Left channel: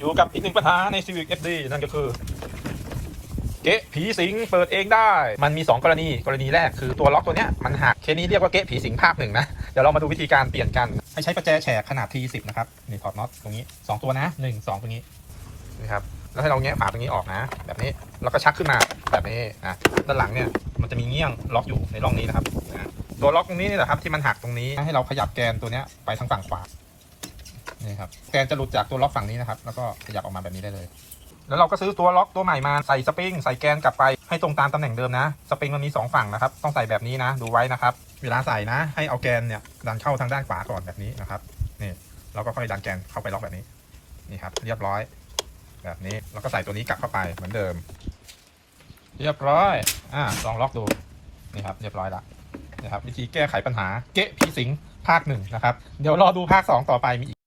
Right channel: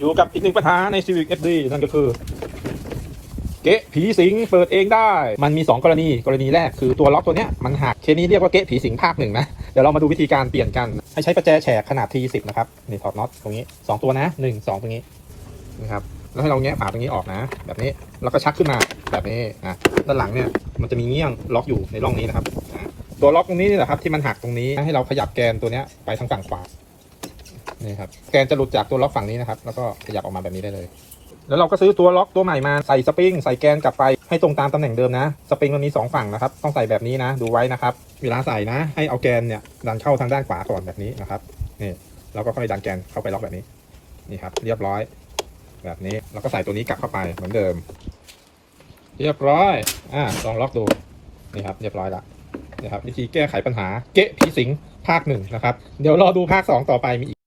อยู่กับอีกหนึ่งปัญหาใน Civic FD นั่นก็คือ เก๊ะผีสิงเปิดเองได้ มันมี 2 กรณีกรณีแรกคือตัวล็อกตัวเนี้ยมันหักเคสนี้เรียกว่าเก๊ะผีสิงภาคหนึ่งนะ เดี๋ยวเรามาดูวิธีการเปลี่ยนกัน ให้ใช้ประแจแฉกขนาด T10 นะครับนี่ถอดน็อตตรงนี้ 2 ตัวนะ 1 2 ตรงนี้นะครับแล้วให้เราแงะฝาตรงนี้ออกนะ แบบนี้แล้วก็ชักขึ้นมาแบบนี้นะด้านหลังเนี่ยมันจะมีเงี้ยงล็อกอยู่ในร่องนี้นะครับตัวล็อกตรงนี้นี่แหละครับที่มันหักตรงนี้ให้เราขยับแกนตัวเนี้ยไปทางฝั่งขวา นี่ครับแกนจะหลุดจากตัวล็อกฝั่งนี้นะครับ แล้วก็ขยับออกมาแบบนี้ได้เลย แล้วเราก็ซื้อตัวล็อกตัวใหม่มาใส่สปริงใส่แกนกลับไปให้ตรงตามตำแหน่งเดิมนะ สปริงมันมีสองฝั่งนะครับ ต้องใส่แบบนี้นะ ดูไว้นะครับ เวลาใส่นะ ให้เอาแกนเนี่ยดันเข้าทางด้านขวาก่อนแบบนี้นะครับนี่เราก็ค่อยดันแกนเข้าไปล็อกแบบนี้นี่ครับ เรียบร้อย แบบนี้แล้วก็ใส่ตัวนี้กลับเข้าไปเหมือนเดิม เรียบร้อยอ่าลองล็อกดูนี่ครับ เรียบร้อยละนะครับวิธีแก้ไขปัญหาเกะผีสิงภาคหนึ่งนะครับ เดี๋ยวรอดูภาคสองต่อไปมีอีก